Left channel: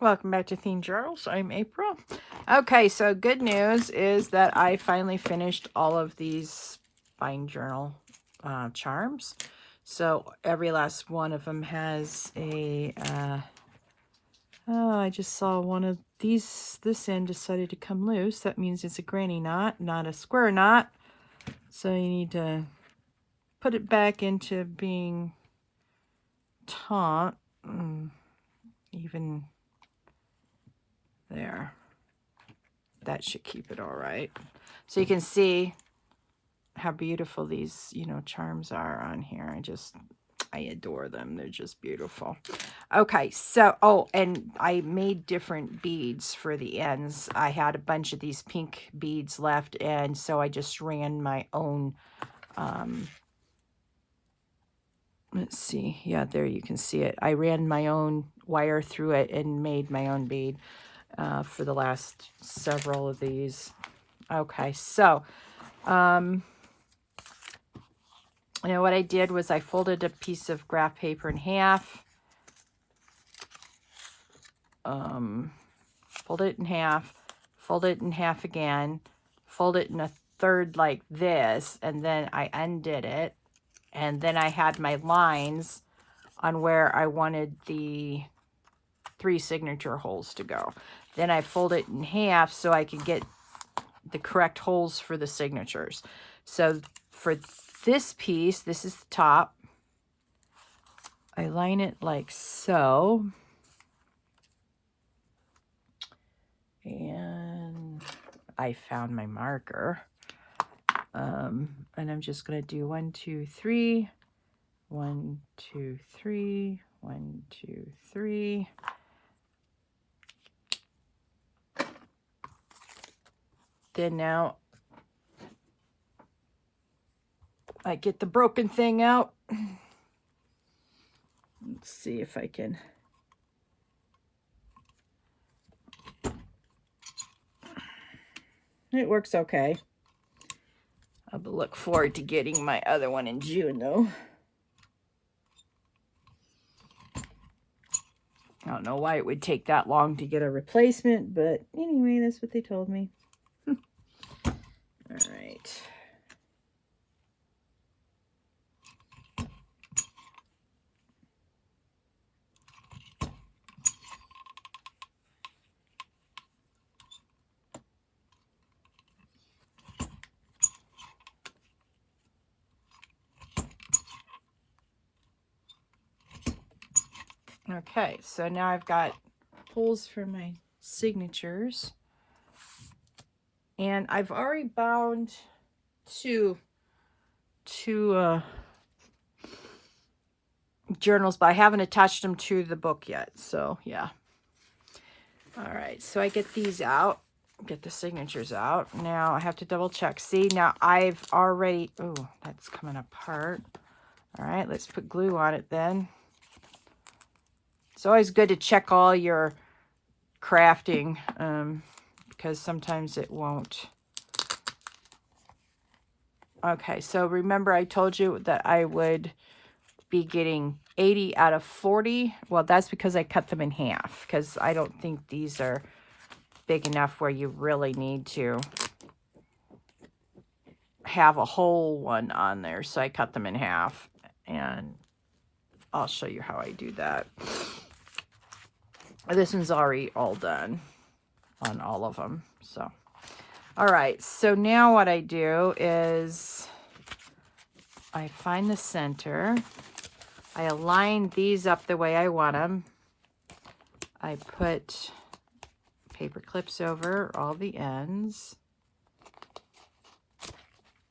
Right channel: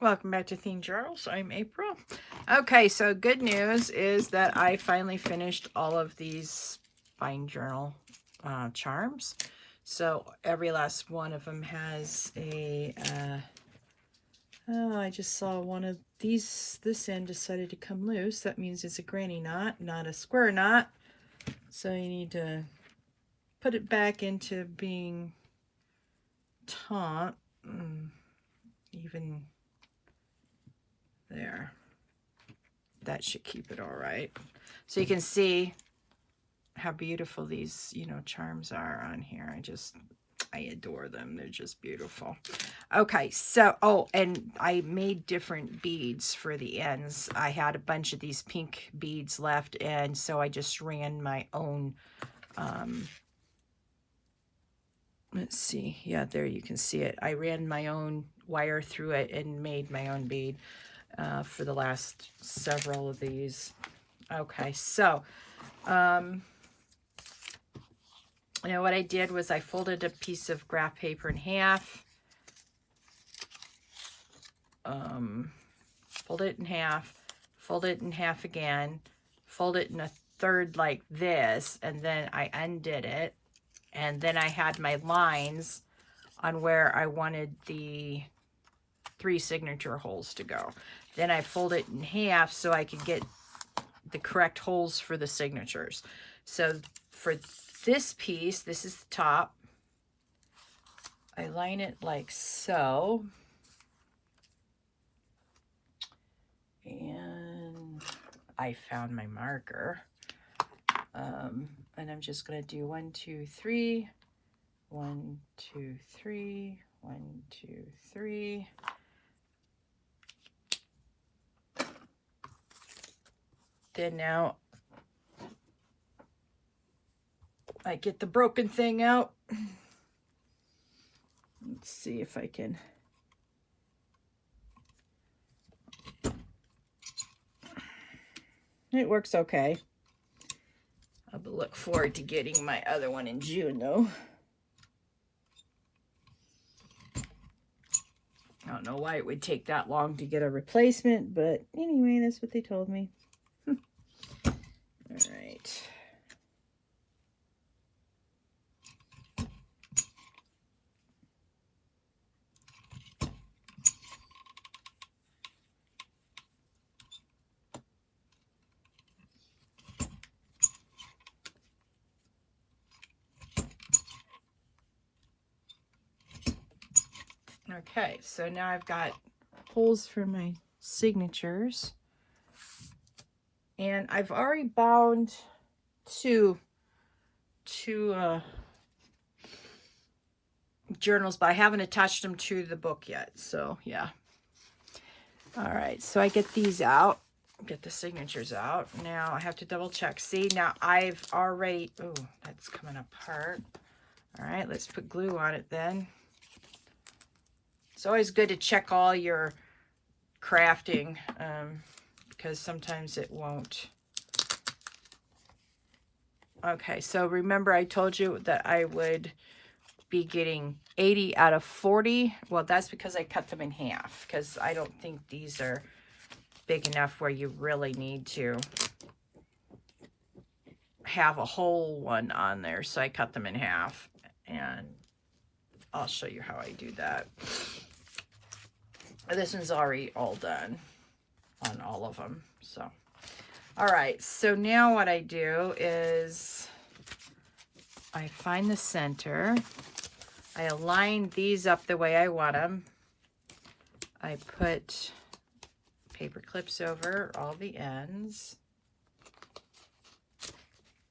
Welcome back to Theme Journals. I'm April. Okay, so good news is that I finally finished all of these bind journal charms. So every last one of them has a, oh, I just saw one of these, this end decided to come loose. That means it's a granny knot, not a square knot. So you need to put it back into being taut, even there. That should keep it all right. So you can see how beautiful these, charms are on here. I adore them. They're just beautiful. Okay, so, oh, and I made different beads for the ends. I had a bunch of these pink beads left, and so I just ran my own, let's see. Yeah, there you can see it. I ran my own wire through it and made my own bead for the last several of these. Okay, so, what I did was I folded a piece of graph paper in half, fold it in half, fold it in half again, fold it in a third like this, and then I undid it, and then I had my lines on where I wanted the 3 signature holes to go. Then I fold it in half so I could get the correct holes for the signatures. So for this piece, this is the top. I line it like so. And I found my marker. And I'm just going to do 1, 2, 3, 1, 2, 3, 1, 2, 3. Then now I get the broken thing out. Let's see if I can. It works okay. I'll look forward to getting my other one in June, though. I don't know why it would take that long to get a replacement, but anyway, that's what they told me. All right. Okay, so now I've got holes for my signatures. And I've already bound two journals, but I haven't attached them to the book yet. So, yeah. All right, so I get these out, get the signatures out. Now I have to double check. See, now I've already, oh, that's coming apart. All right, let's put glue on it then. It's always good to check all your crafting because sometimes it won't. Okay, so remember I told you that I would be getting 80 out of 40. Well, that's because I cut them in half because I don't think these are big enough where you really need to have a whole one on there. So I cut them in half, and I'll show you how I do that. This one's already all done on all of them. So, all right. So now what I do is I find the center. I align these up the way I want them. I put paper clips over all the ends.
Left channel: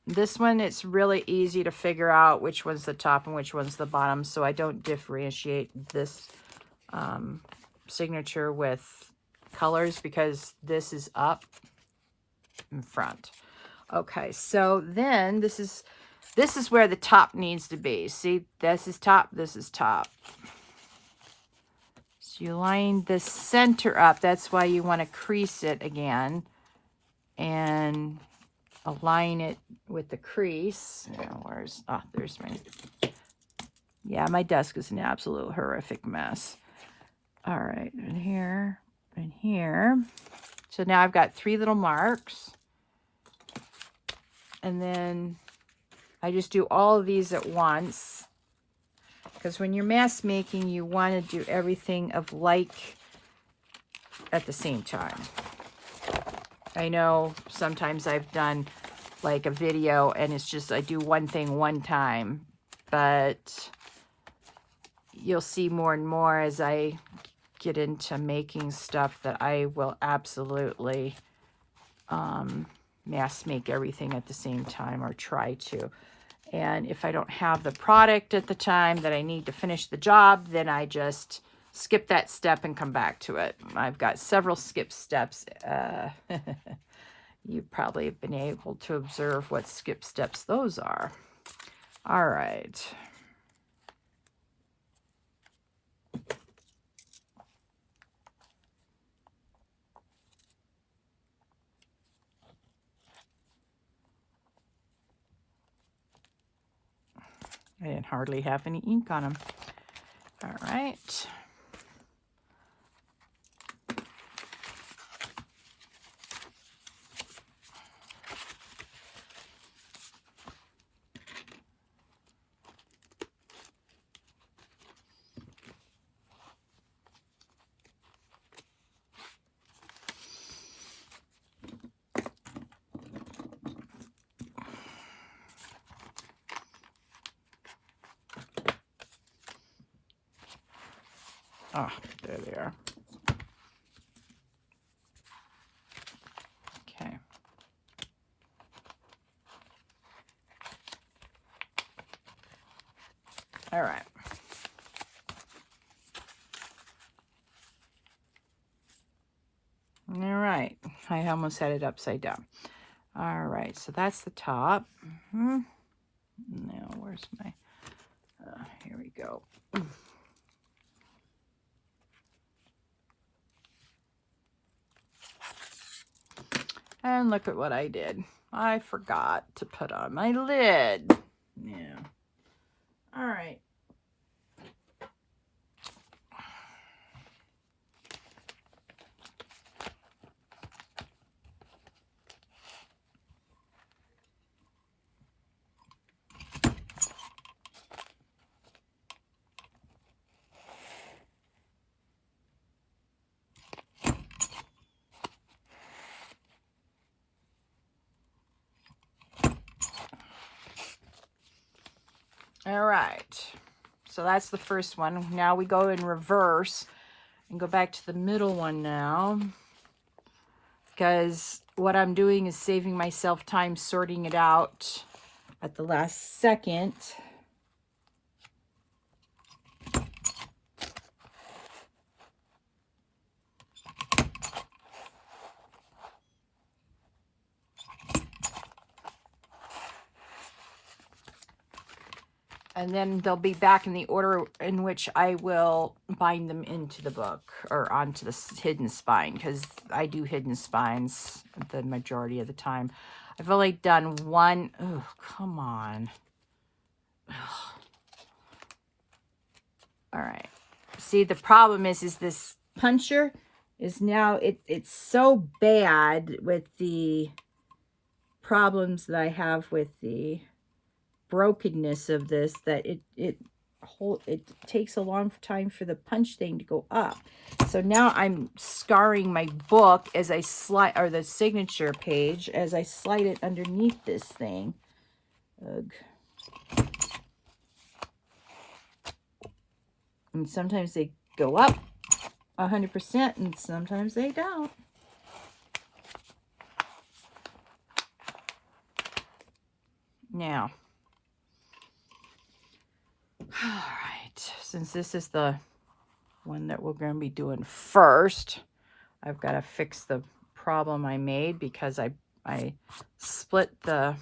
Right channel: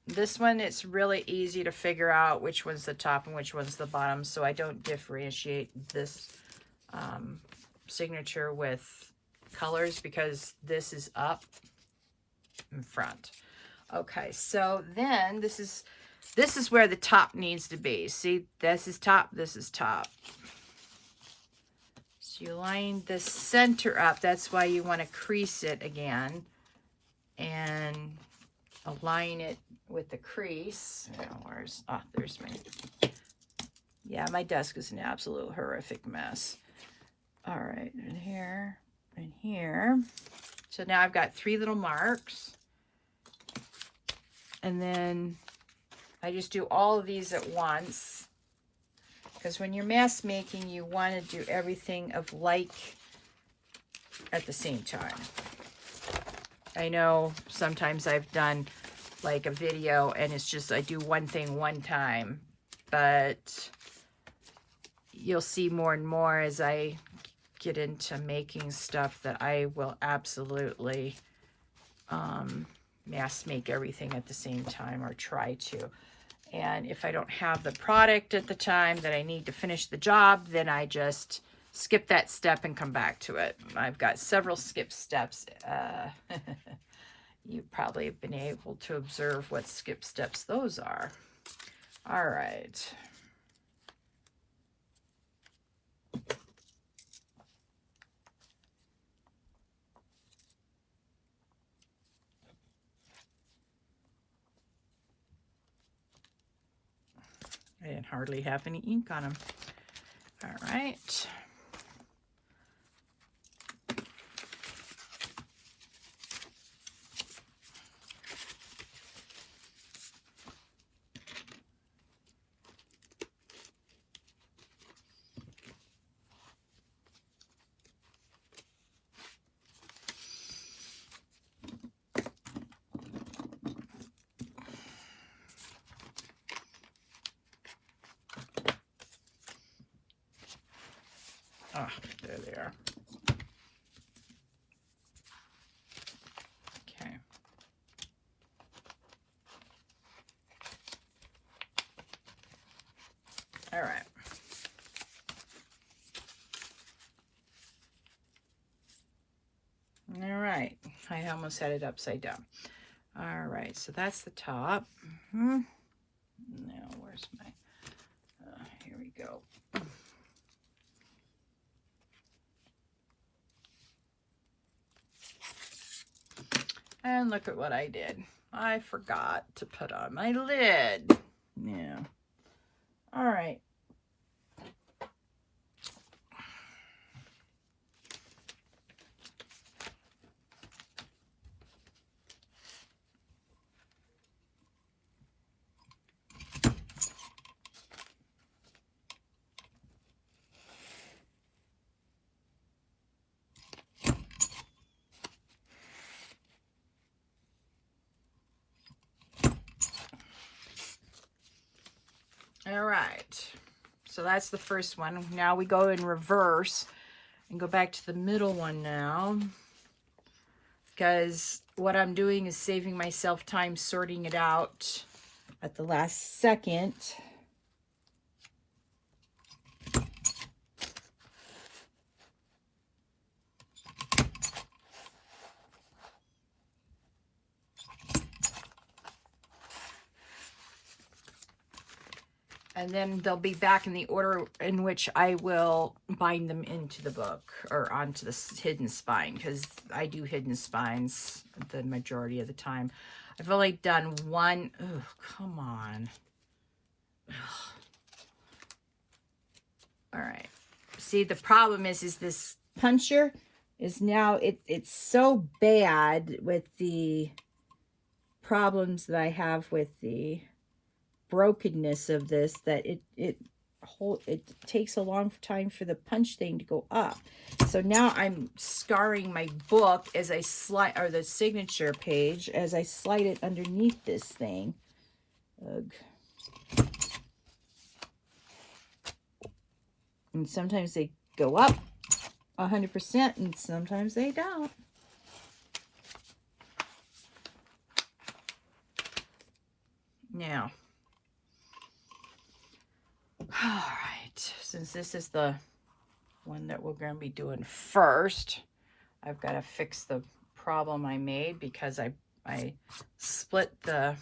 This one, it's really easy to figure out which one's the top and which one's the bottom, so I don't differentiate this signature with colors because this is up in front. Okay, so then this is where the top needs to be. See, this is top, this is top. So you line the center up. That's why you want to crease it again and align it with the crease. Where's, oh, there's my, yeah, my desk is an absolute horrific mess. All right, and here here. So now I've got 3 little marks. And then I just do all of these at once. Because when you're mass making, you want to do everything of like at the same time. I know sometimes I've done like a video and it's just I do one thing one time, but you'll see more and more as I get into making stuff that I will absolutely mass make everything at the same time, or try to. And if I don't have the product at the time that I need to finish the job, then I just skip that step and come back to it. I've got several skip steps. You probably have been able to observe what skip steps those are. All right. I didn't hardly have any ink on them. All right. Oh, there they are. Okay. All right. All right. I almost had it upside down. All right. So that's the top. Now, where's my... here we go. And look at what I did. I forgot to put on my lid. Yeah. All right. All right, so that's the first one. Now we go in reverse and go back to the middle one now, because what I'm doing is saving myself time sorting it out at the last second. And then they'll be back in the order in which I will bind them into the book, or onto the hidden spine, because I do hidden spines the majority of the time. I've only done one. Oh, come on. Ugh. All right. See, the problem is this puncher is now, it's so bad with the problems that I have with the brokenness of this, that it takes a long time for the punch thing to go up. So now I'm scarring my book as I slide, or the signature page, as I slide it underneath this thing. Ugh. And sometimes they go up 100% and sometimes they don't. Now, all right, since this is the one that we're going to be doing first, I've got to fix the problem I made, because I split the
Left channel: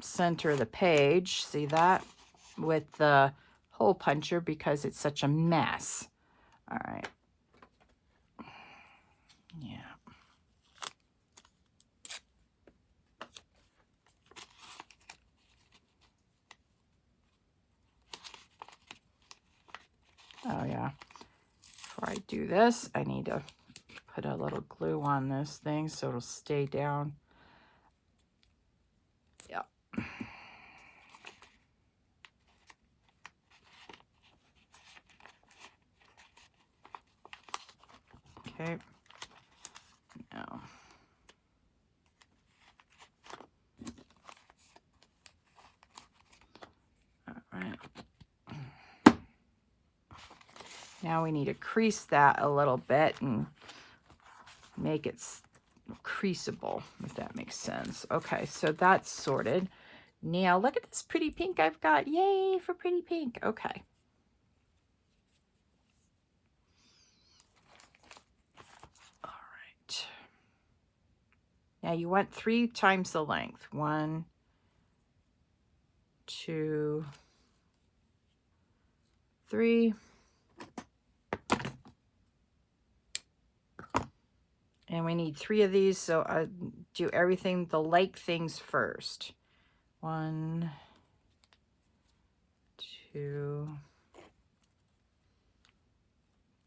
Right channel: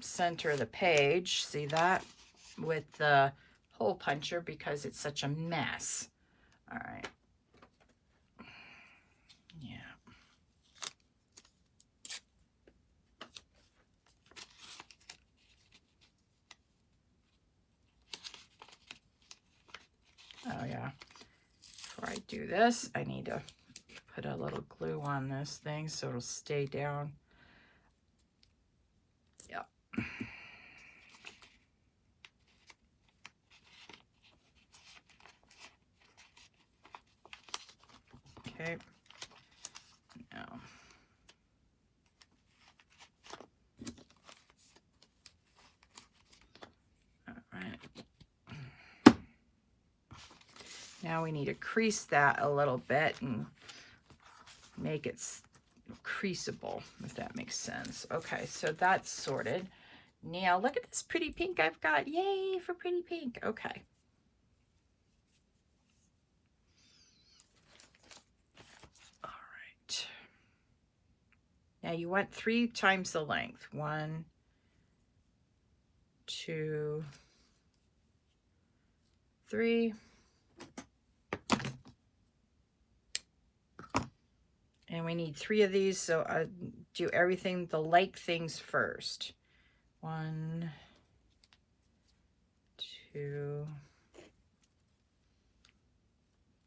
center of the page, see that, with the hole puncher, because it's such a mess. All right. Yeah. Oh yeah. Before I do this, I need to put a little glue on this thing so it'll stay down. Yep. Okay. Now. All right. Now we need to crease that a little bit and make it creasable, if that makes sense. Okay, so that's sorted. Now look at this pretty pink I've got. Yay for pretty pink. Okay. All right. Now you want 3 times the length. 1, 2, 3. And we need 3 of these, so I do everything, the like things first. 1, 2,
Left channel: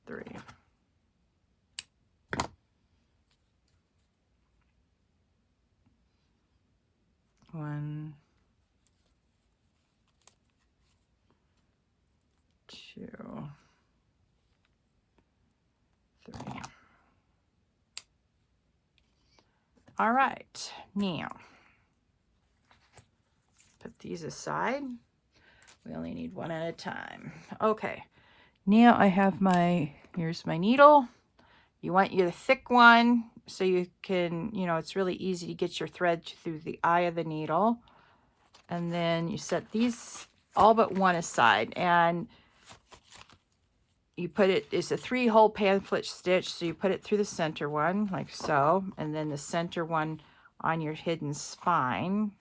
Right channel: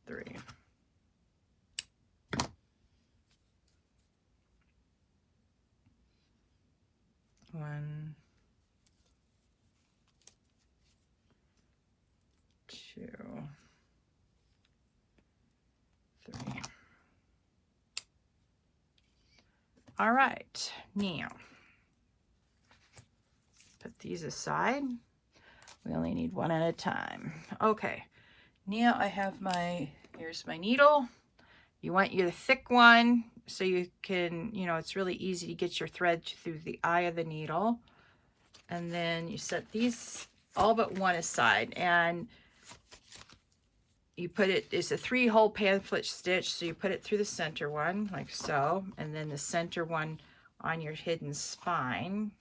3. One, 2, 3. All right, now put these aside. We only need 1 at a time. Okay, now I have here's my needle. You want your thick one so you can, it's really easy to get your thread through the eye of the needle. And then you set these all but one aside, and you put it's a 3-hole pamphlet stitch, so you put it through the center one like so, and then the center one on your hidden spine.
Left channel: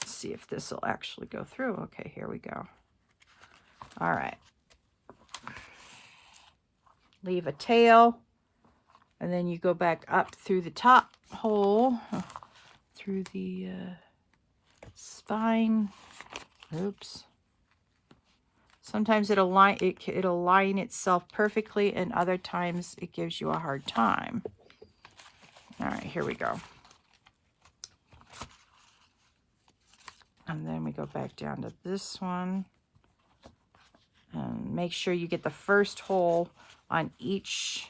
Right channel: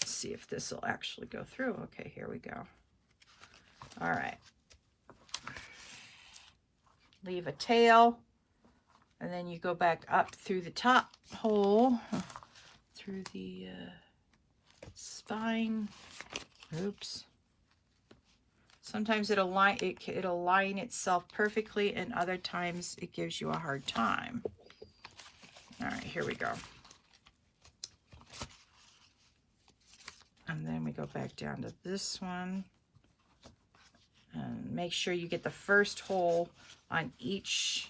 Let's see if this will actually go through. Okay, here we go. All right. Leave a tail, and then you go back up through the top hole, through the spine. Oops. Sometimes it'll line itself perfectly, and other times it gives you a hard time. All right, here we go. And then we go back down to this one. And make sure you get the first hole on each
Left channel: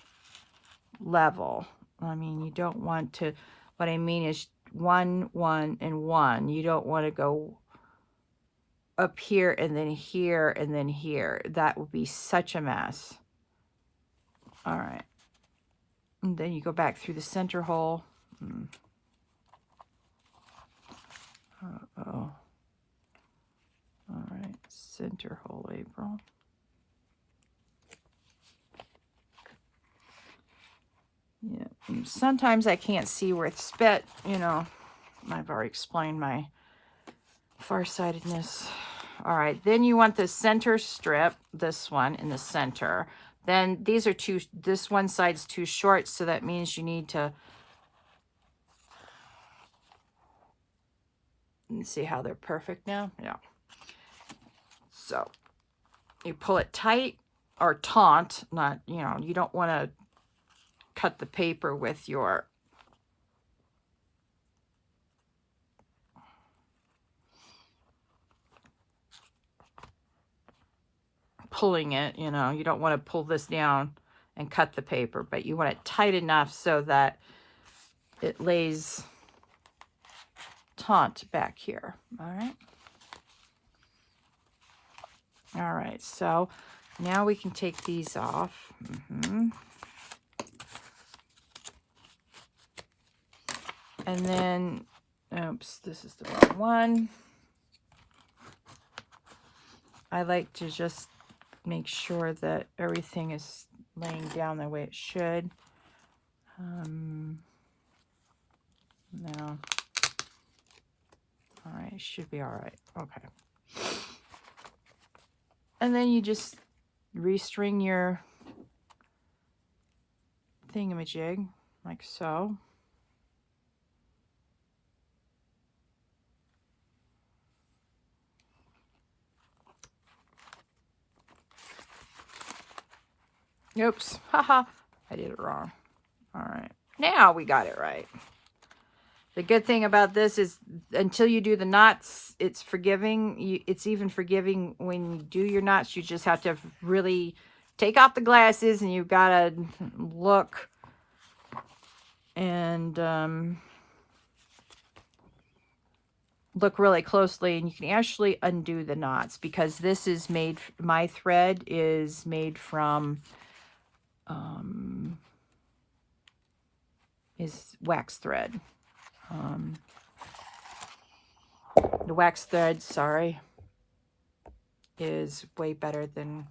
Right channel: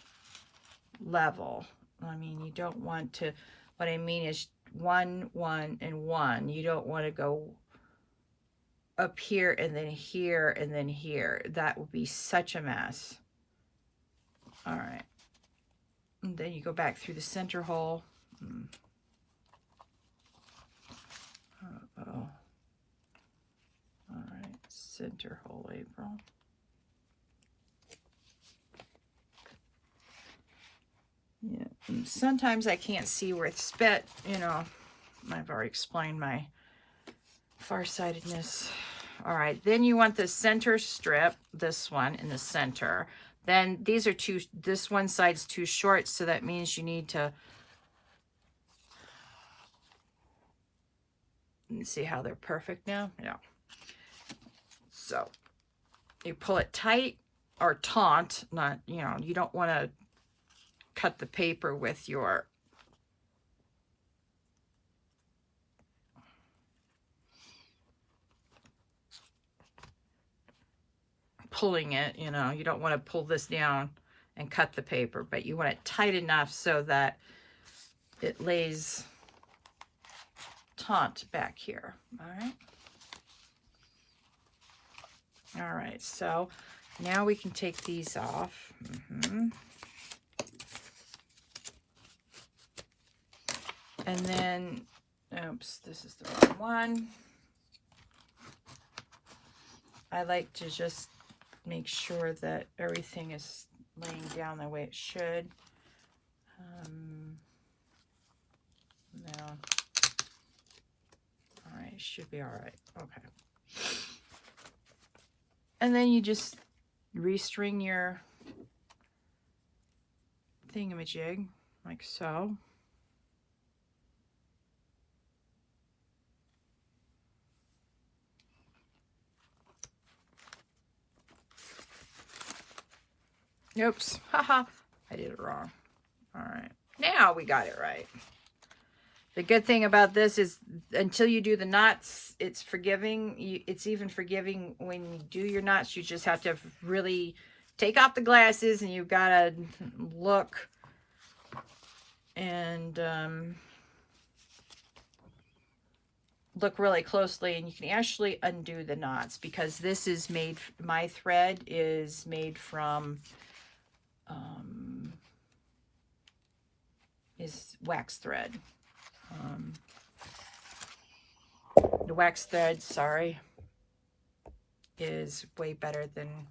level. I mean, you don't want to, what I mean is 1, 1, and 1. You don't want to go up here and then here and then here. That would be such a mess. All right. And then you go back through the center hole. Uh-oh. All right, center hole, April. Yeah, and sometimes I can't see where it's spit, I've already explained my farsightedness. All right, then you want the center strip, this one in the center. Then these are this one side's too short, so that means you need to, you see how they're perfect now? Yeah. So you pull it tight or taut, not, you don't want to cut the paper with your pulling it, you don't want to pull this down and cut the paper, but you want it tight enough so that it lays taut back here. All right, so now we can take these off. And then, oops, this is the wrong one. I like to just make sure that everything is laying down the way it should. No. All right, should be all right. Okay. And then you just restring your thingamajig like so. Oops. Haha. I did it wrong. All right. Now we got it right. The good thing about this is until you do the knots, it's forgiving. It's even forgiving when you do your knots. You just have to really take off the glasses and you've got to look and look really closely, and you can actually undo the knots because this is made, my thread is made from is wax thread. The wax thread, sorry, is way better than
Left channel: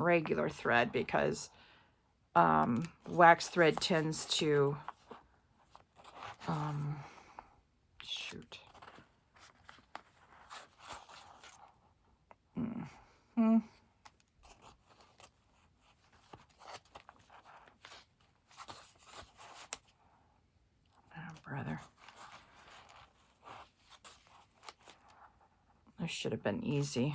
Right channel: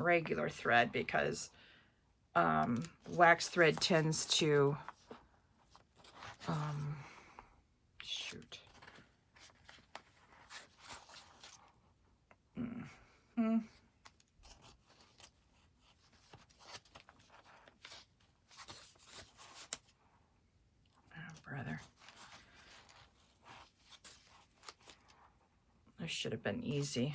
regular thread because wax thread tends to shoot. Oh, brother. This should have been easy.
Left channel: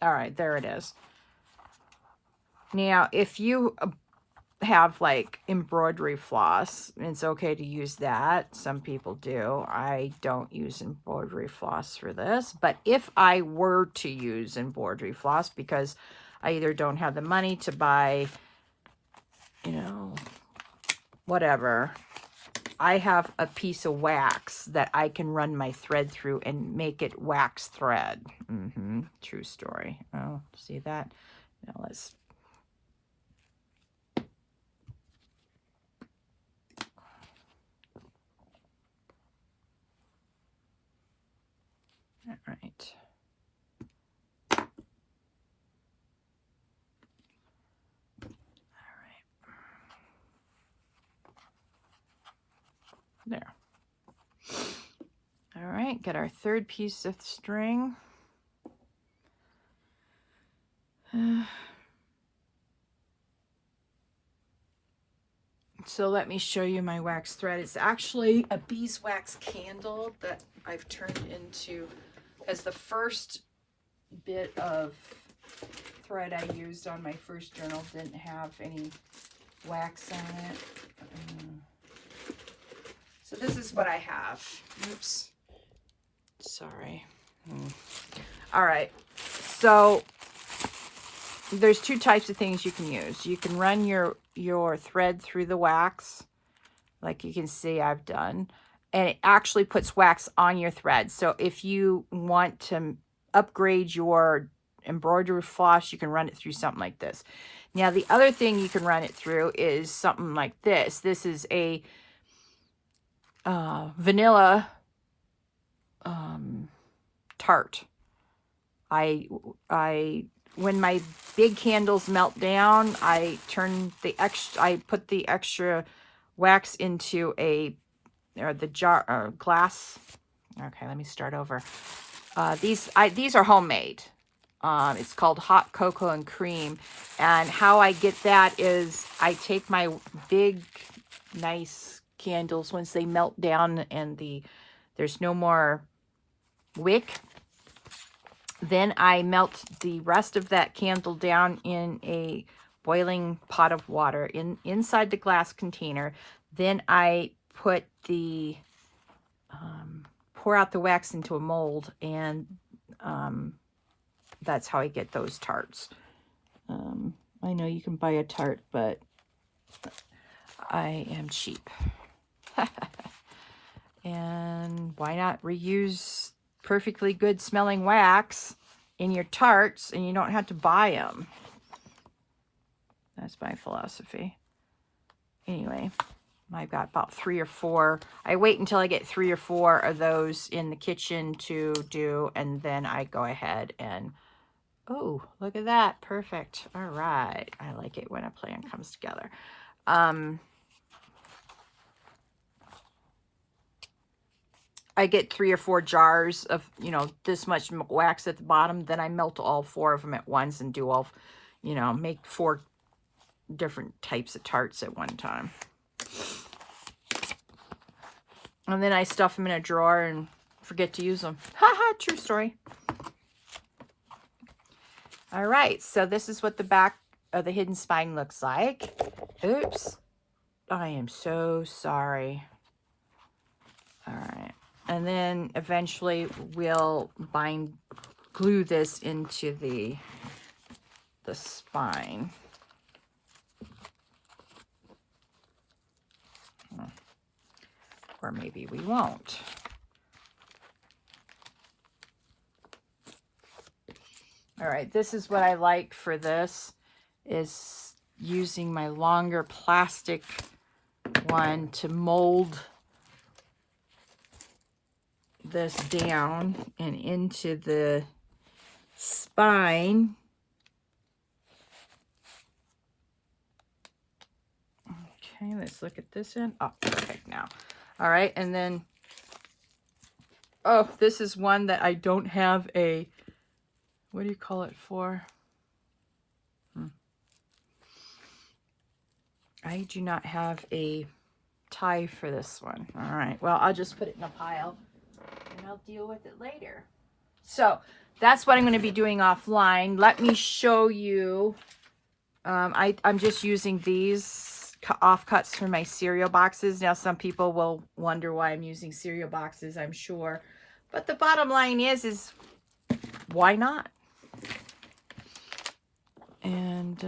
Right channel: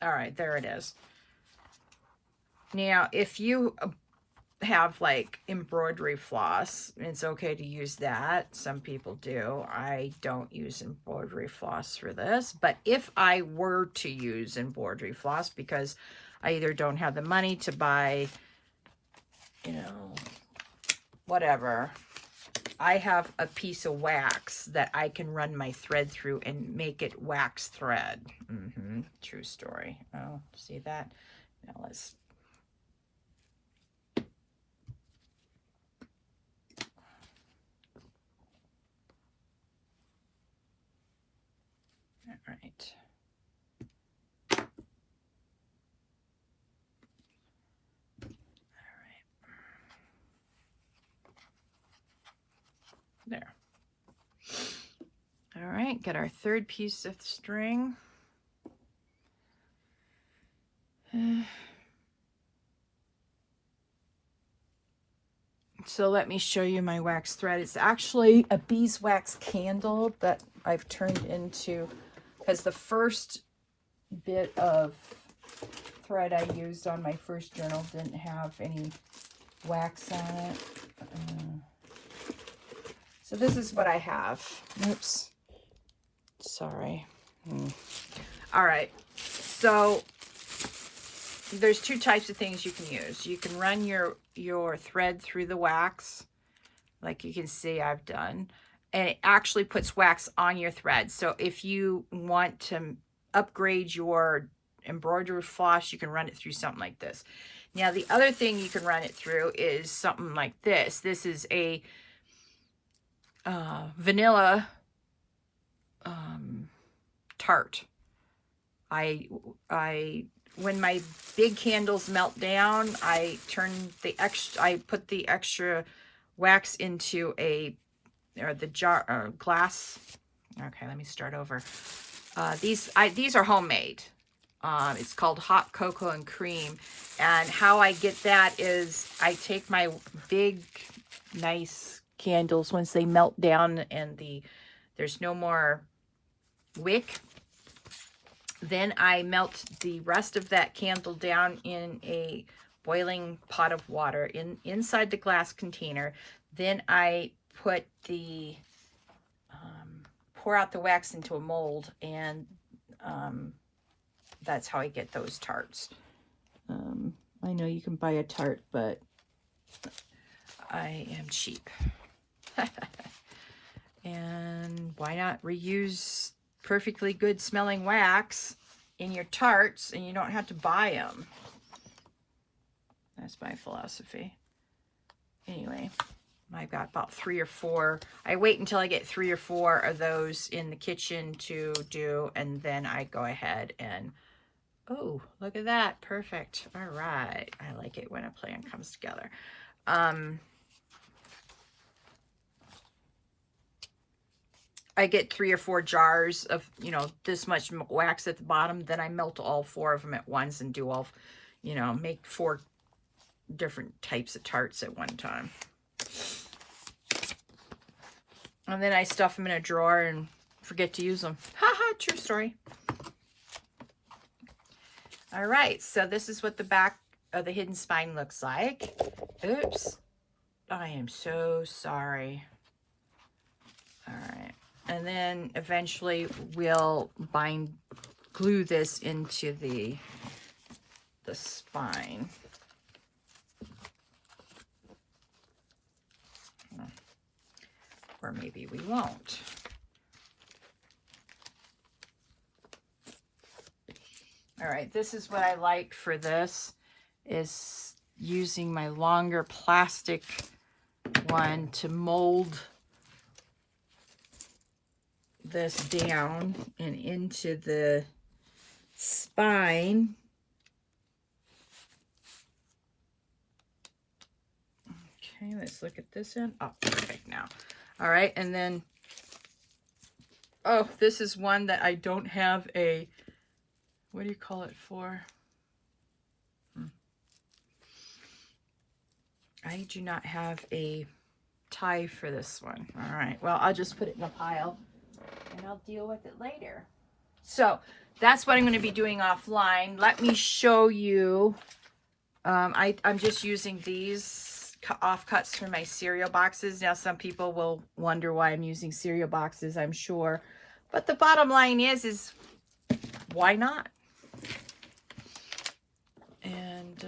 All right, there it is. Now, if you have like embroidery floss, it's okay to use that. Some people do. I don't use embroidery floss for this, but if I were to use embroidery floss because I either don't have the money to buy, you know, whatever, I have a piece of wax that I can run my thread through and make it wax thread. True story. Oh, see that? Now let's all right. There. All right, get our third piece of string. So let me show you my wax thread. It's actually a beeswax candle that I've turned into, because the first bit of thread I used on my first journal didn't have any wax on it. So this is what I have. Oops. Sorry. All right. So there's two types of things you can use. You can run your thread through the wax, like you can see I've done, and it actually puts wax on your thread. So if you want to upgrade your embroidery floss, you can run it through something like this. Now, the other thing you can run it through is something like this. This is a vanilla tart. When my big candles melt down, I put the extra wax into the jar glass. Okay, let me start over. These are homemade. It's called hot cocoa and cream, and how I get that is I take my big, nice candles once they melt down and there's no more wick. Then I melt the rest of that candle down in a boiling pot of water inside the glass container. Then I put pour out the wax into a mold, and that's how I get those tarts. I know you can buy a tart, but I am cheap. And why not reuse perfectly good smelling wax in your tarts, and you don't have to buy them. That's my philosophy. Anyway, I've got about 3 or 4. I wait until I get 3 or 4 of those in the kitchen to do, and then I go ahead and, oh, look at that. Perfect. All right. I like it when a plan comes together. I get 3 or 4 jars of, you know, this much wax at the bottom. Then I melt all 4 of them at once and do all, you know, make 4 different types of tarts at one time. And then I stuff them in a drawer and forget to use them. Haha, true story. All right, so this is what the back of the hidden spine looks like. Oops. I am so sorry. All right. And then eventually we'll glue this into the spine. Or maybe we won't. All right, this is what I like for this, is using my longer plastic one to mold this down and into the spine. Okay, let's look at this end. Oh, perfect now. All right, and then, oh, this is one that I don't have a, what do you call it for? I do not have a tie for this one. All right, well, I'll just put it in a pile and I'll deal with it later. So that's what I'm going to be doing offline. Let me show you. I'm just using these offcuts from my cereal boxes. Now, some people will wonder why I'm using cereal boxes, I'm sure. But the bottom line is why not? And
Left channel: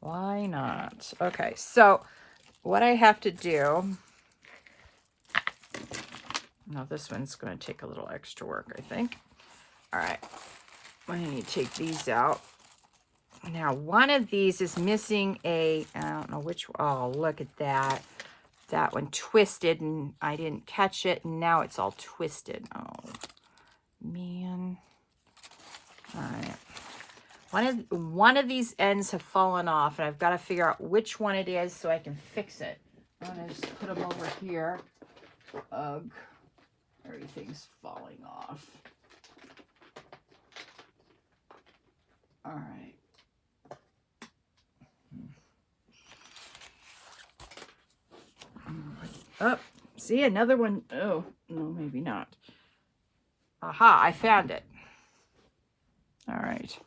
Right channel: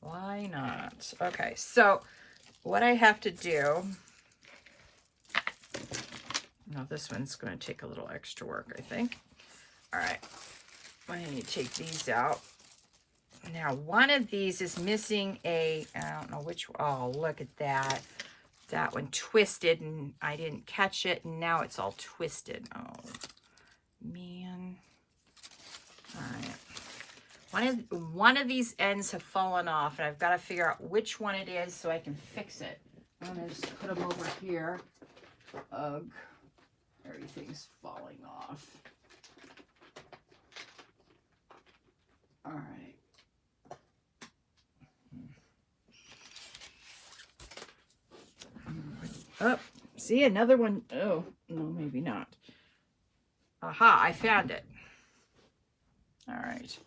why not? Okay, so what I have to do, now this one's going to take a little extra work, I think. All right, I need to take these out. Now, one of these is missing I don't know which, oh, look at that. That one twisted and I didn't catch it, and now it's all twisted. Oh, man. All right. One of these ends have fallen off, and I've got to figure out which one it is so I can fix it. I'm going to just put them over here. Ugh. Everything's falling off. All right. Oh, see, another one. Oh, no, maybe not. Aha, I found it. All right.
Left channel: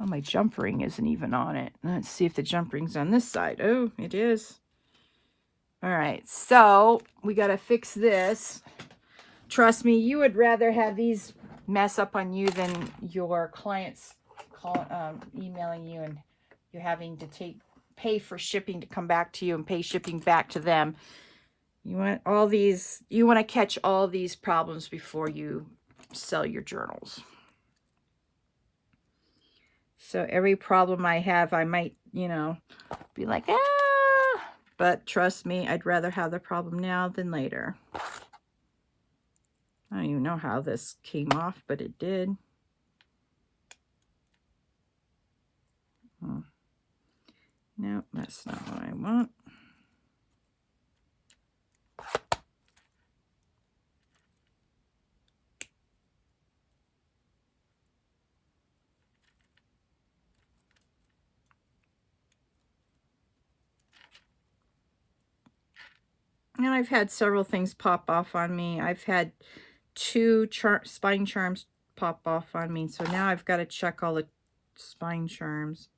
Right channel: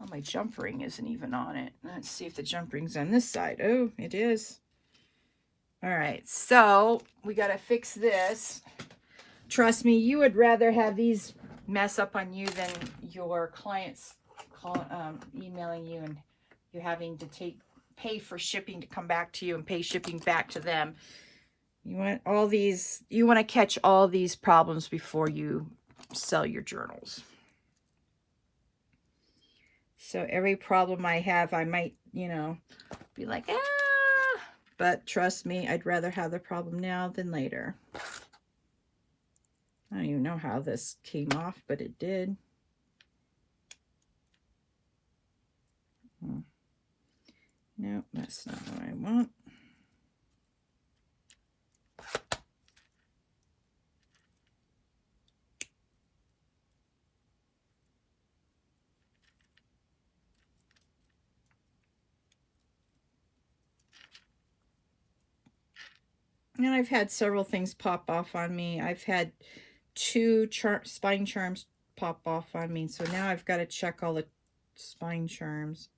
Oh, my jump ring isn't even on it. Let's see if the jump ring's on this side. Oh, it is. All right, so we got to fix this. Trust me, you would rather have these mess up on you than your clients emailing you and you having to pay for shipping to come back to you and pay shipping back to them. You want all these, you want to catch all these problems before you sell your journals. So every problem I have, I might, you know, be like, ah, but trust me, I'd rather have the problem now than later. I don't even know how this came off, but it did. No, that's not what I want. And I've had several things pop off on me. I've had 2 spine charms pop off on me. So now I've got to check all the spine charms.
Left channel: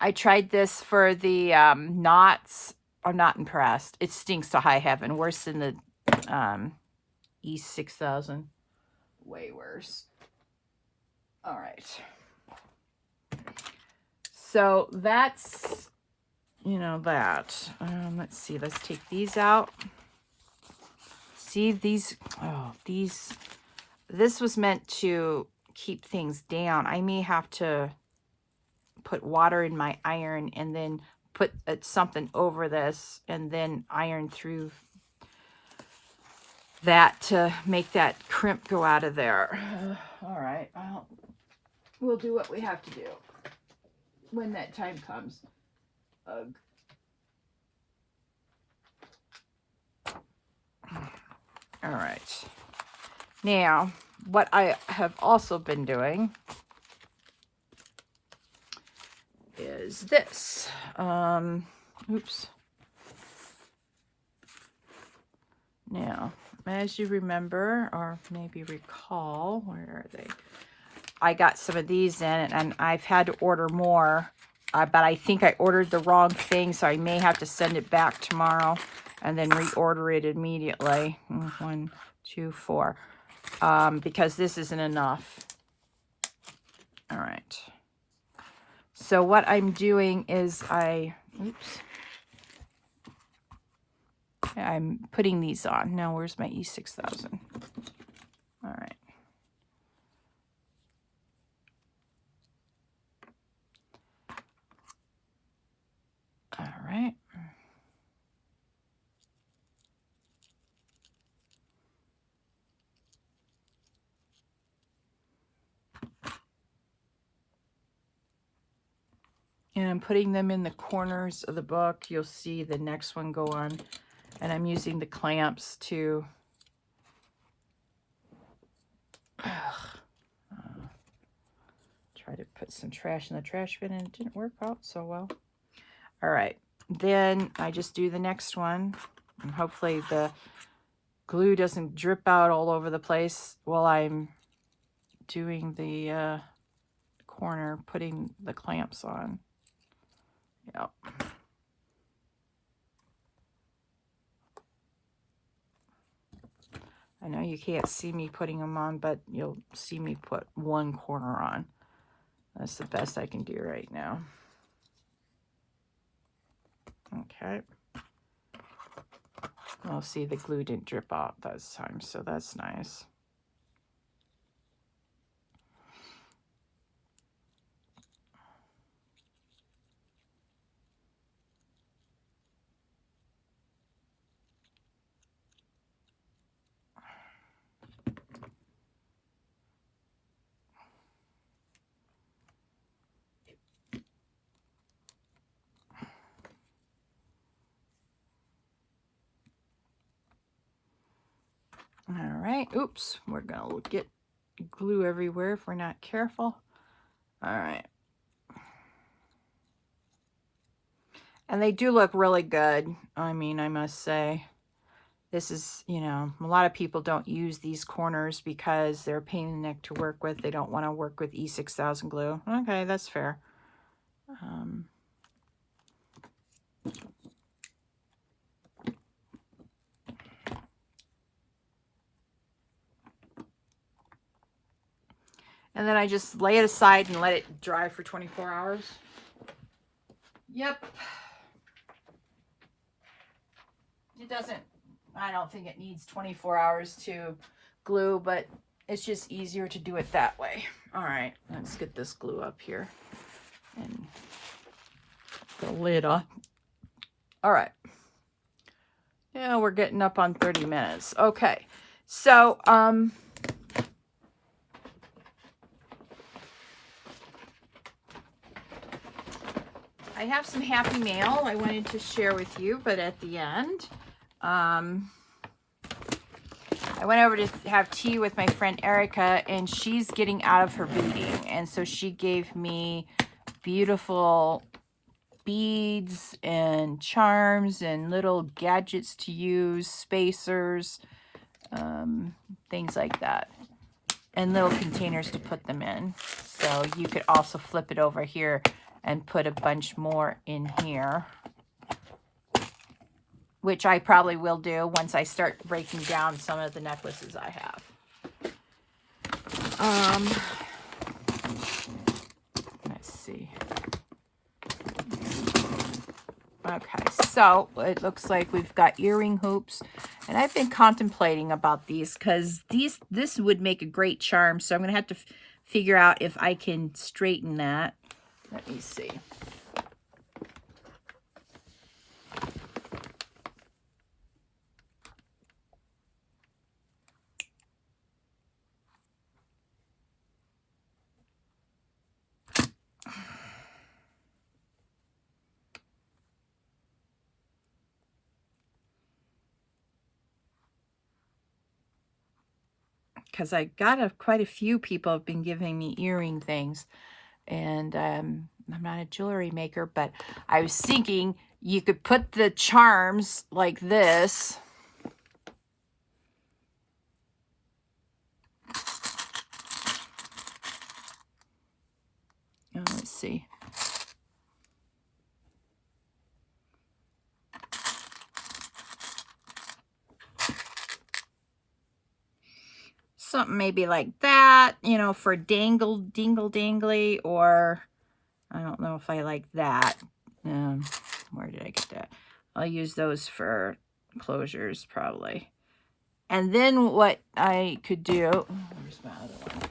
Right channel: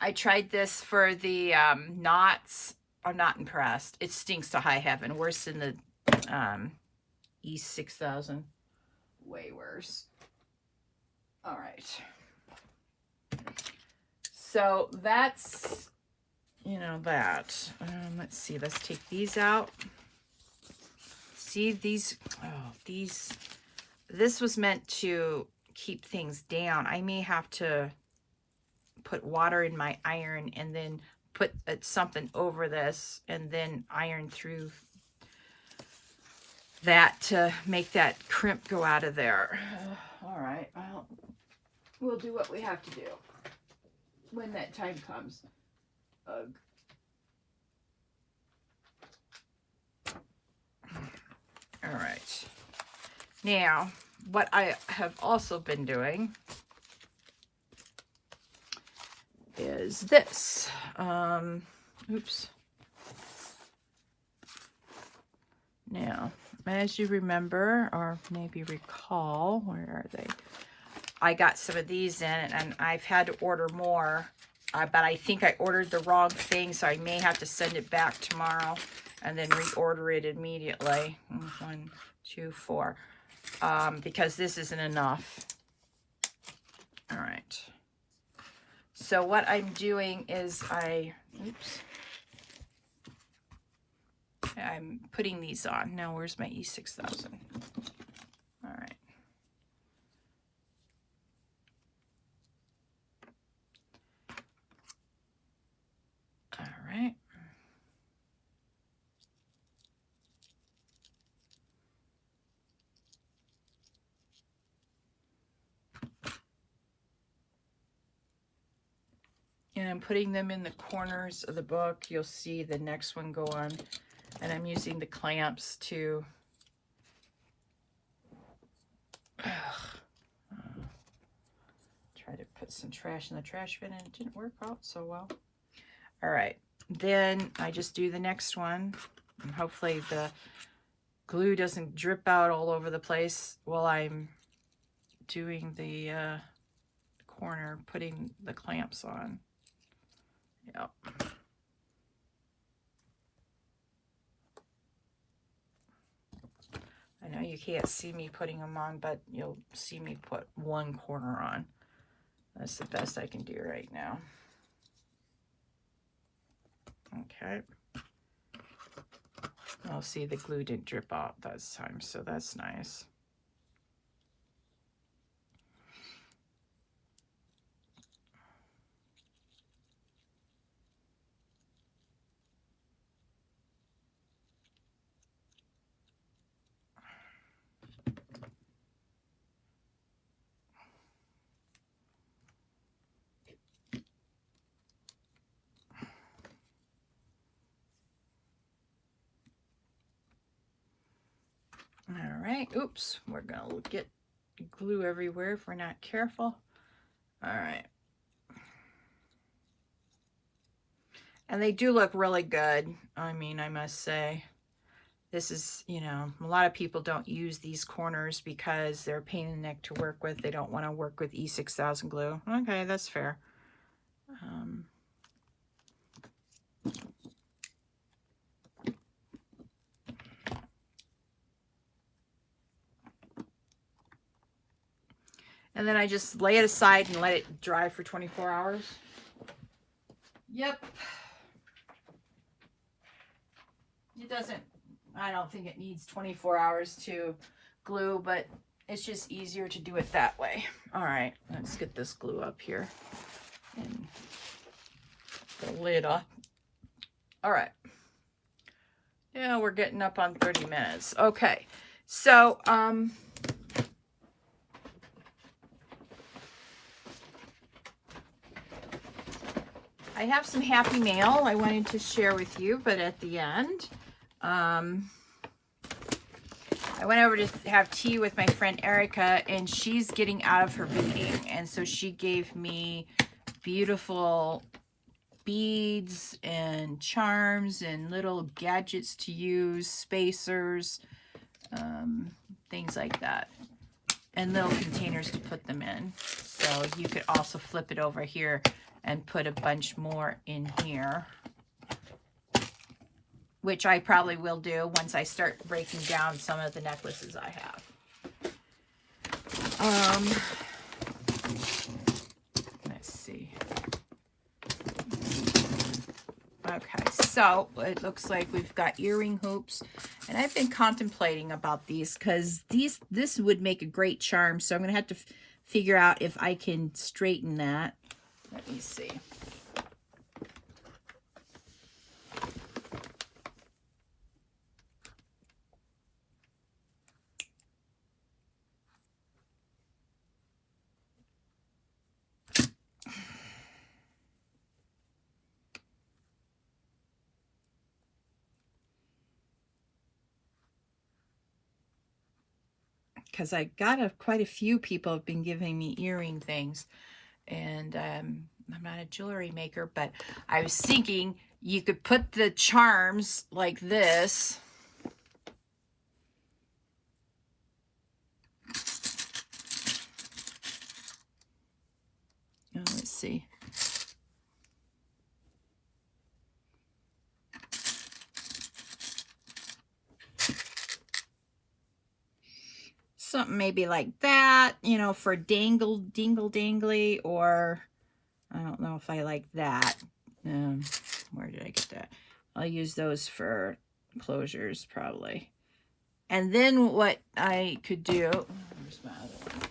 I tried this for the knots. I'm not impressed. It stinks to high heaven. Worse than the East 6000. Way worse. All right. So that's, you know, that. Let's see. Let's take these out. See these? Oh, these. This was meant to keep things down. I may have to put water in my iron and then put something over this and then iron through that to make that crimp go out of there. All right. Well, we'll do what we have to do when that time comes. Ugh. All right. Now, what I have also been doing is this. Oops. Now, as you remember, or maybe recall, where are they? I got some of these in, and I've had to order more, but I think I ordered the wrong thing, so I may have to send it back tomorrow and then reorder it immediately. 1, 2, 4, because this isn't enough. All right. So what I'm doing is I'm putting these on. Now, where's my E6000? All right. All right. And I'm putting them in the corners of the book. You'll see the next one go on. And I'm using the clamps to try to put some trash in the trash bin, and it didn't work out so well. All right. Then I just do the next one. And hopefully the glue doesn't drip out all over the place while I'm doing the corner, putting the clamps on. Yep. I know you can't see me putting them on, but you'll see me put one corner on. That's the best I can do right now. Okay. I'll see the glue didn't drip out this time, so that's nice. All right, oops, we're gonna get glue everywhere if we're not careful. All right. And they do look really good. I mean, I must say, this is, you know, a lot of people don't use these corners because they're a pain in the neck to work with. They don't want to work with E6000 glue. Okay, that's fair. And then I just lay it aside and let it dry for 24 hours. Yep. It doesn't, I don't think it needs 24 hours to glue, but it's just easier to do it that way. All right, let's get this glue up here and the lid on. All right. Yeah, we're getting up on 30 minutes. Okay, so I have some happy mail I wanted to share with you, but at the end, I went over to have tea with my friend Erica, and she's getting out of her reading, and so she gave me beautiful beads and charms and little gadgets to use, spacers, things like that, and little containers to put them in. So you could also flip it over here and put a bunch more in here, which I probably will do once I start breaking down some of the necklaces I have. Let's see. Okay, so it looks like we've got earring hoops, and I've been contemplating about these because this would make a great charm, so I'm going to have to figure out if I can straighten that. Let me see. Because I got quite a few people have been giving me earring things, and I'm not a jewelry maker, but I was thinking, you could put the charms like this. Oh, let's see. Something maybe like that, you know, for dingle dangly, or I don't know if I like that. Where did I get that? I'll use those for closures probably. And then what I could do, where's my other one?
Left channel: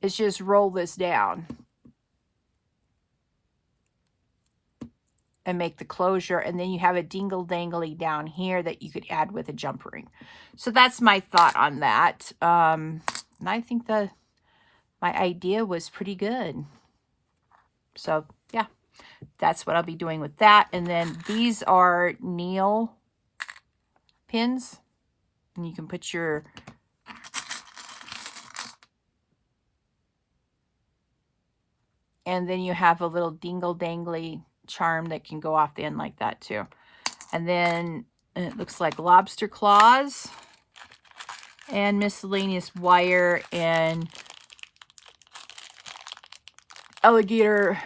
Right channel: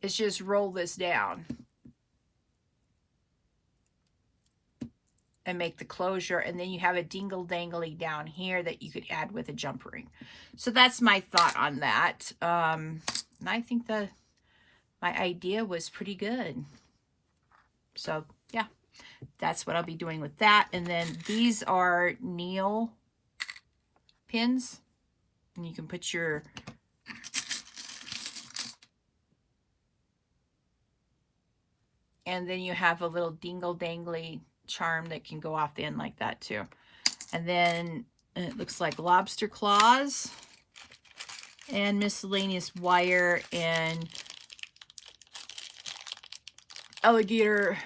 Is just roll this down and make the closure, and then you have a dingle dangly down here that you could add with a jump ring. So that's my thought on that. And I think my idea was pretty good. So yeah, that's what I'll be doing with that. And then these are nail pins, and you can put your and then you have a little dingle dangly charm that can go off the end like that too. And then it looks like lobster claws and miscellaneous wire and alligator.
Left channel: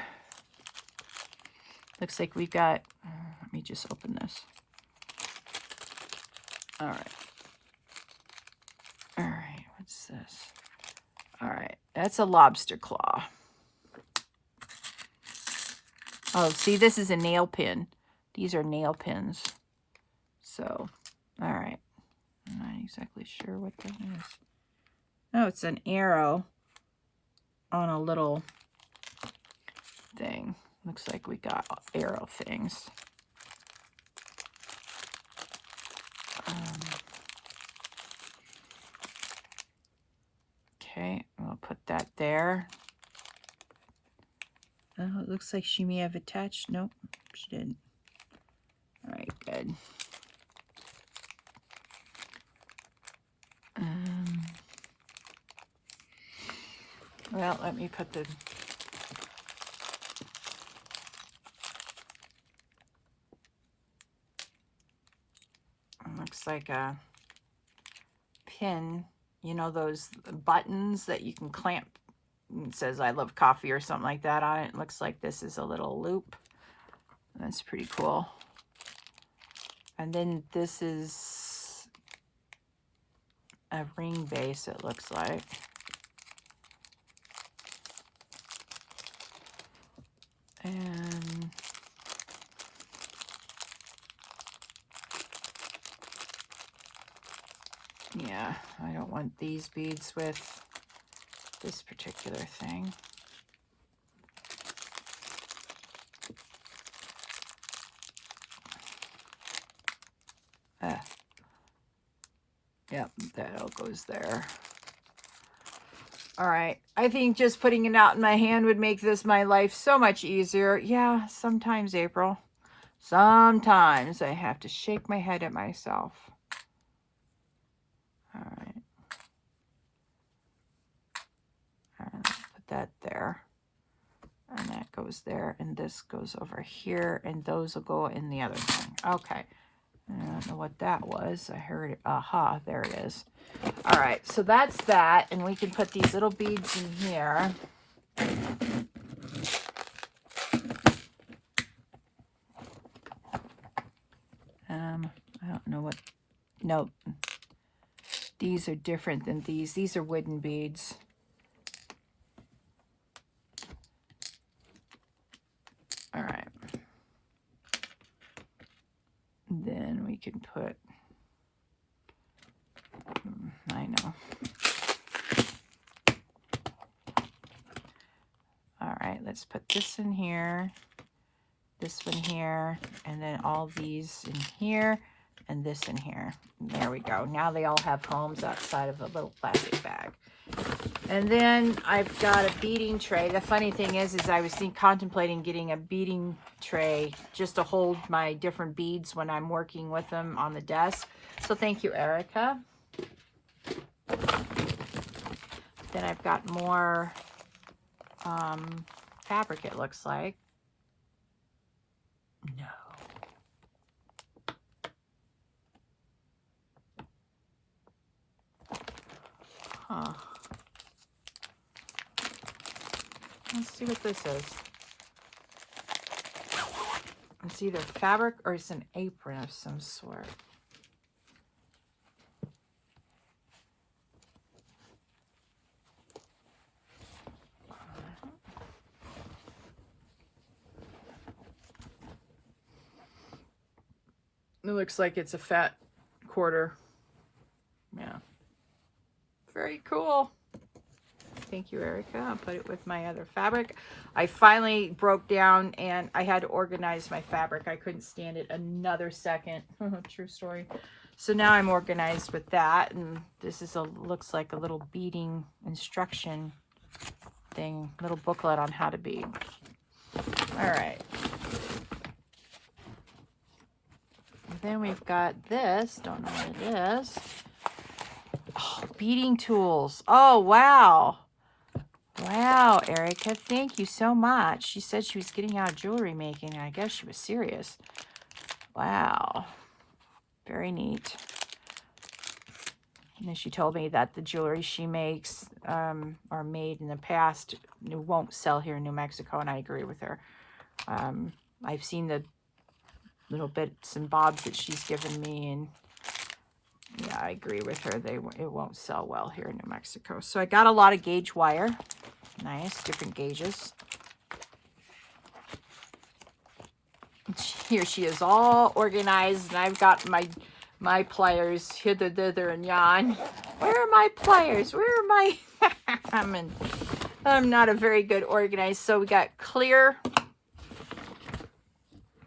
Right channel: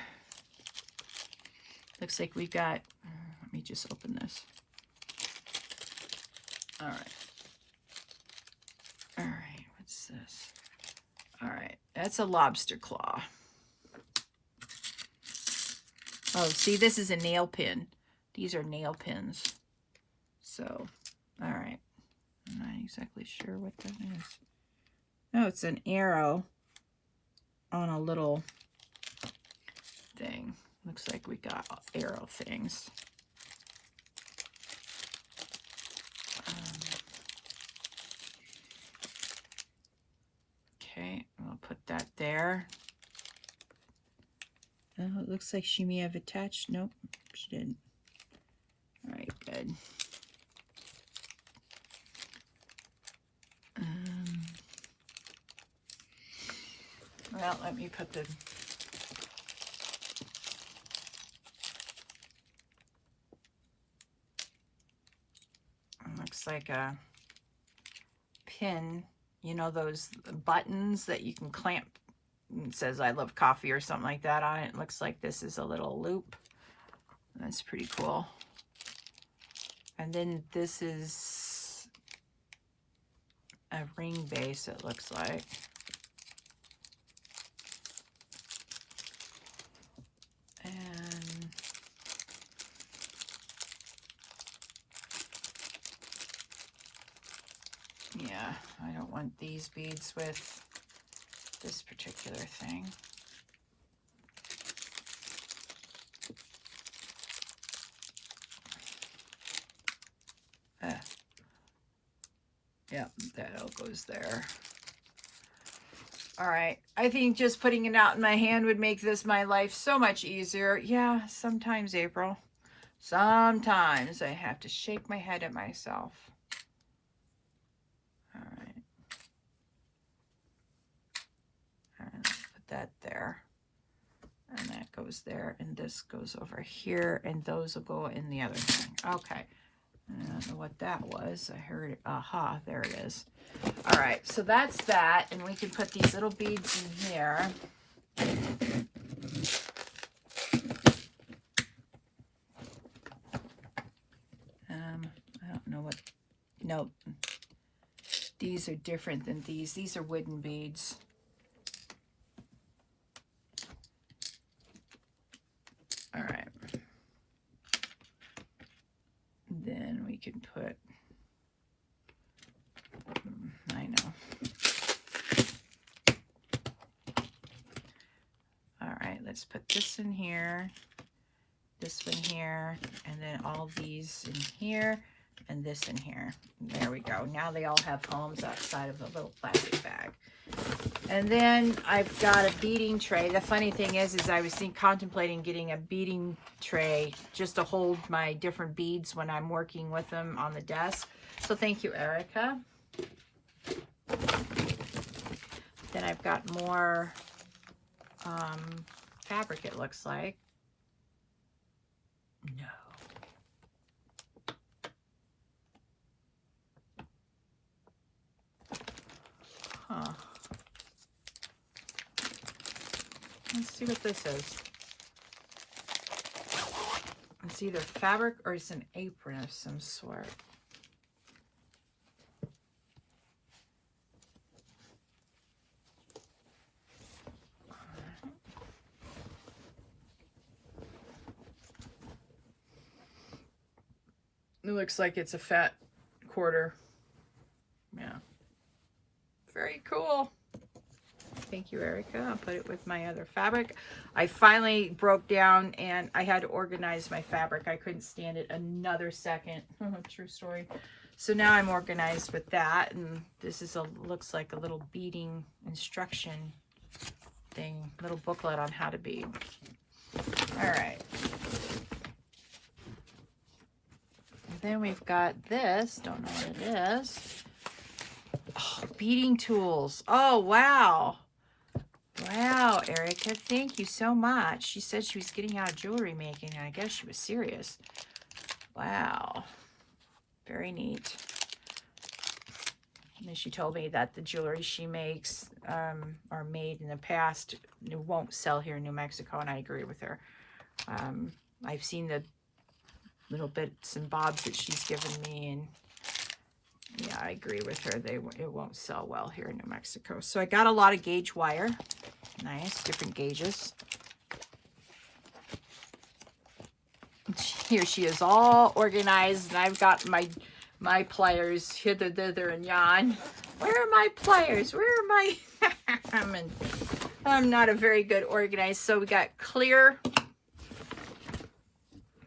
Looks like we've got, let me just open this. All right. All right, what's this? All right, that's a lobster claw. Oh, see, this is a nail pin. These are nail pins. So, all right. I'm not exactly sure what that is. Oh, it's an arrow on a little thing. Looks like we got arrow things. Okay, I'll put that there. Oh, it looks like she may have attached. Nope, she didn't. All right, good. Well, let me put the... Looks like a pin. You know those buttons that you can clamp? It says I love coffee or something like that on it. It looks like this is a little loop. That's pretty cool. And then this is a ring base, it looks like. And yeah, I don't want these beads with this particular thing. Yep, that all goes there. All right, I think just putting it out in my hand would make my life so much easier. Yeah, sometimes, April. Sometimes I have to shake my head at myself. All right. Put that there. And that goes there. And this goes over here. And those will go in the other thing. Okay. I don't know what that was. I heard it. Aha, there it is. All right, so that's that. And we can put these little beads in here. I don't know what. Nope. These are different than these. These are wooden beads. All right. Then we can put, I know. All right, let's put this in here, this one here, and then all these in here, and this in here. There we go. Now they all have homes outside of a little plastic bag. And then I've got a beading tray. The funny thing is I was contemplating getting a beading tray just to hold my different beads when I'm working with them on the desk. So thank you, Erica. Then I've got more fabric, it looks like. Let's see what this is. It's either fabric or it's an apron of some sort. It looks like it's a fat quarter. Yeah. Very cool. Thank you, Erica. I'll put it with my other fabric. I finally broke down and I had to organize my fabric. I couldn't stand it another second. True story. So now I'm organized with that. And this is looks like a little beading instruction thing, little booklet on how to bead. All right. And then we've got this. Don't know what it is. Oh, beading tools. Oh, wow. Wow, Erica, thank you so much. She said she was getting out of jewelry making. I guess she was serious. Wow. Very neat. And then she told me that the jewelry she makes are made in the past. It won't sell here in New Mexico, and I agree with her. I've seen the little bits and bobs that she's given me, and yeah, I agree with her. It won't sell well here in New Mexico. So I got a lot of gauge wire. Nice, different gauges. Here she is, all organized, and I've got my pliers hither, thither, and yon. Where are my pliers? Where are my? I'm not a very good organized. So we got clear,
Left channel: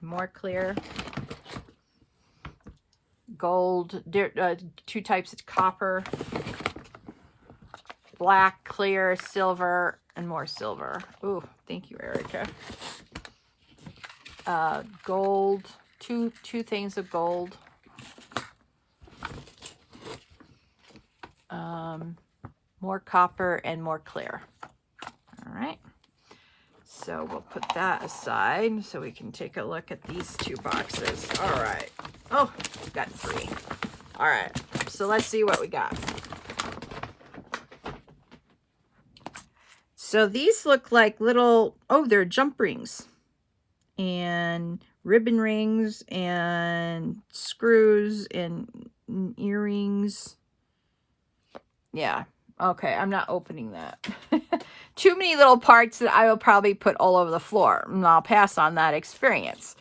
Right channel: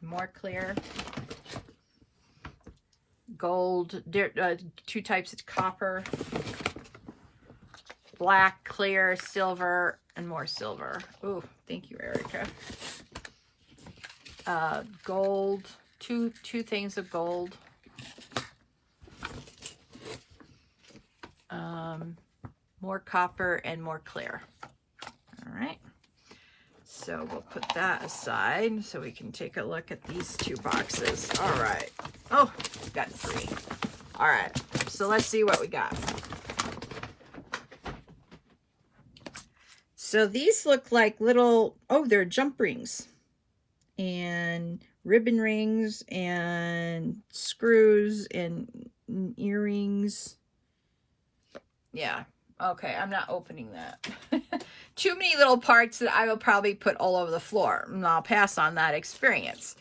more clear, gold, two types of copper, black, clear, silver, and more silver. Ooh, thank you, Erica. Gold, two things of gold. More copper and more clear. All right. So we'll put that aside so we can take a look at these two boxes. All right. Oh, we've got 3. All right. So let's see what we got. So these look like little, oh, they're jump rings and ribbon rings and screws and earrings. Yeah. Okay. I'm not opening that. Too many little parts that I will probably put all over the floor, and I'll pass on that experience.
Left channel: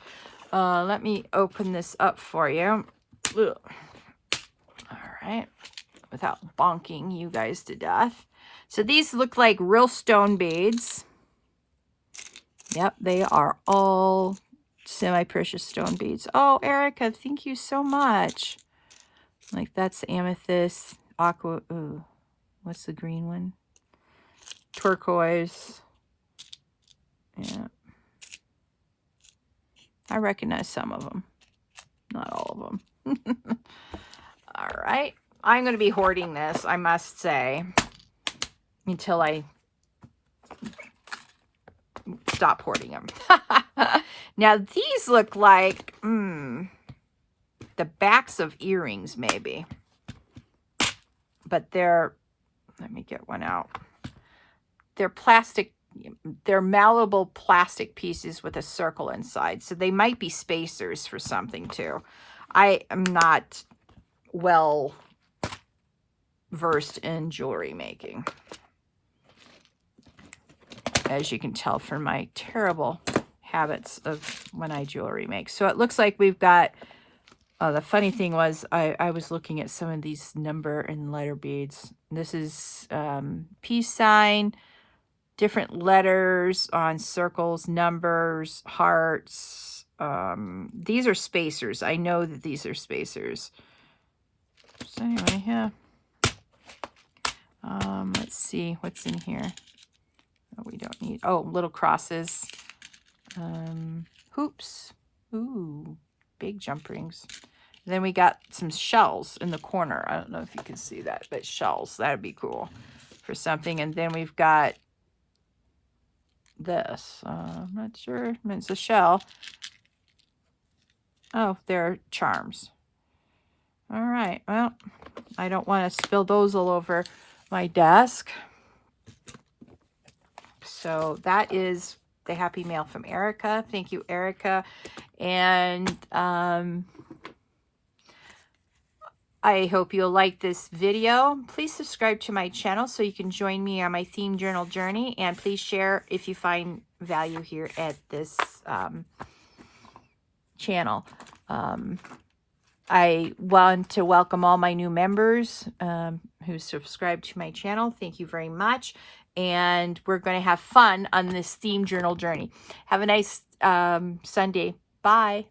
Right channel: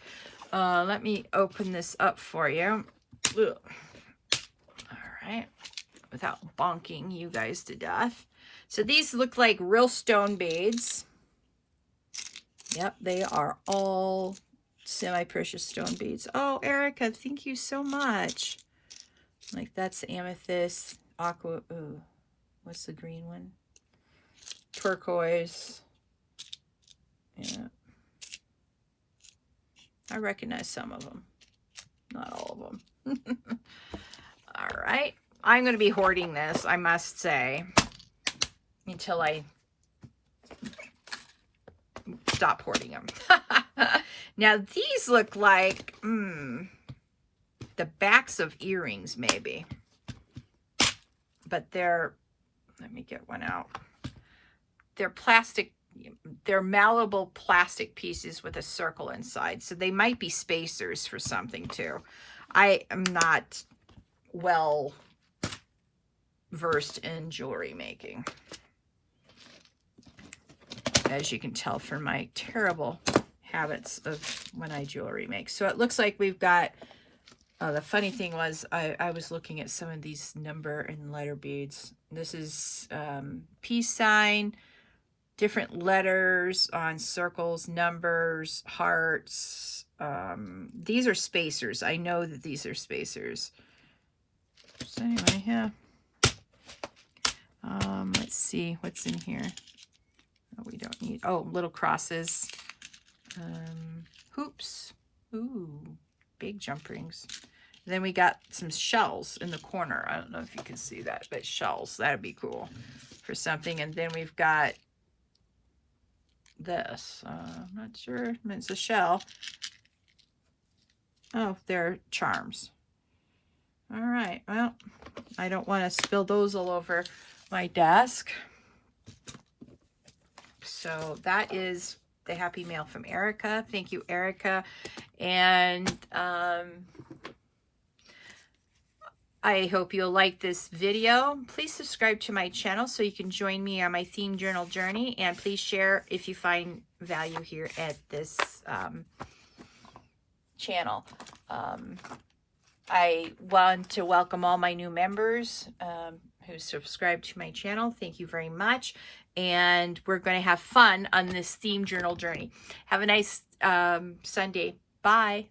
Let me open this up for you. Ugh. All right. Without bonking you guys to death. So these look like real stone beads. Yep, they are all semi-precious stone beads. Oh, Erica, thank you so much. Like that's amethyst, aqua, ooh, what's the green one? Turquoise. Yeah. I recognize some of them. Not all of them. All right. I'm going to be hoarding this, I must say, until I stop hoarding them. Now, these look like the backs of earrings, maybe. But they're, let me get one out. They're plastic, they're malleable plastic pieces with a circle inside. So they might be spacers for something too. I am not well versed in jewelry making, as you can tell from my terrible habits of when I jewelry make. So it looks like we've got, the funny thing was I was looking at some of these number and letter beads. This is peace sign, different letters on circles, numbers, hearts. These are spacers. I know that these are spacers. So anyway, yeah. Let's see what's in here. Oh, we don't need, oh, little crosses. Hoops. Ooh, big jump rings. And then we got some shells in the corner. I don't know if you can see that, but shells. That would be cool for something. And then we've got this. I'm not sure. It's a shell. Oh, they're charms. All right. Well, I don't want to spill those all over my desk. So that is the happy mail from Erica. Thank you, Erica. And I hope you'll like this video. Please subscribe to my channel so you can join me on my theme journal journey. And please share if you find value here at this channel. I want to welcome all my new members who subscribe to my channel. Thank you very much. And we're going to have fun on this theme journal journey. Have a nice Sunday. Bye.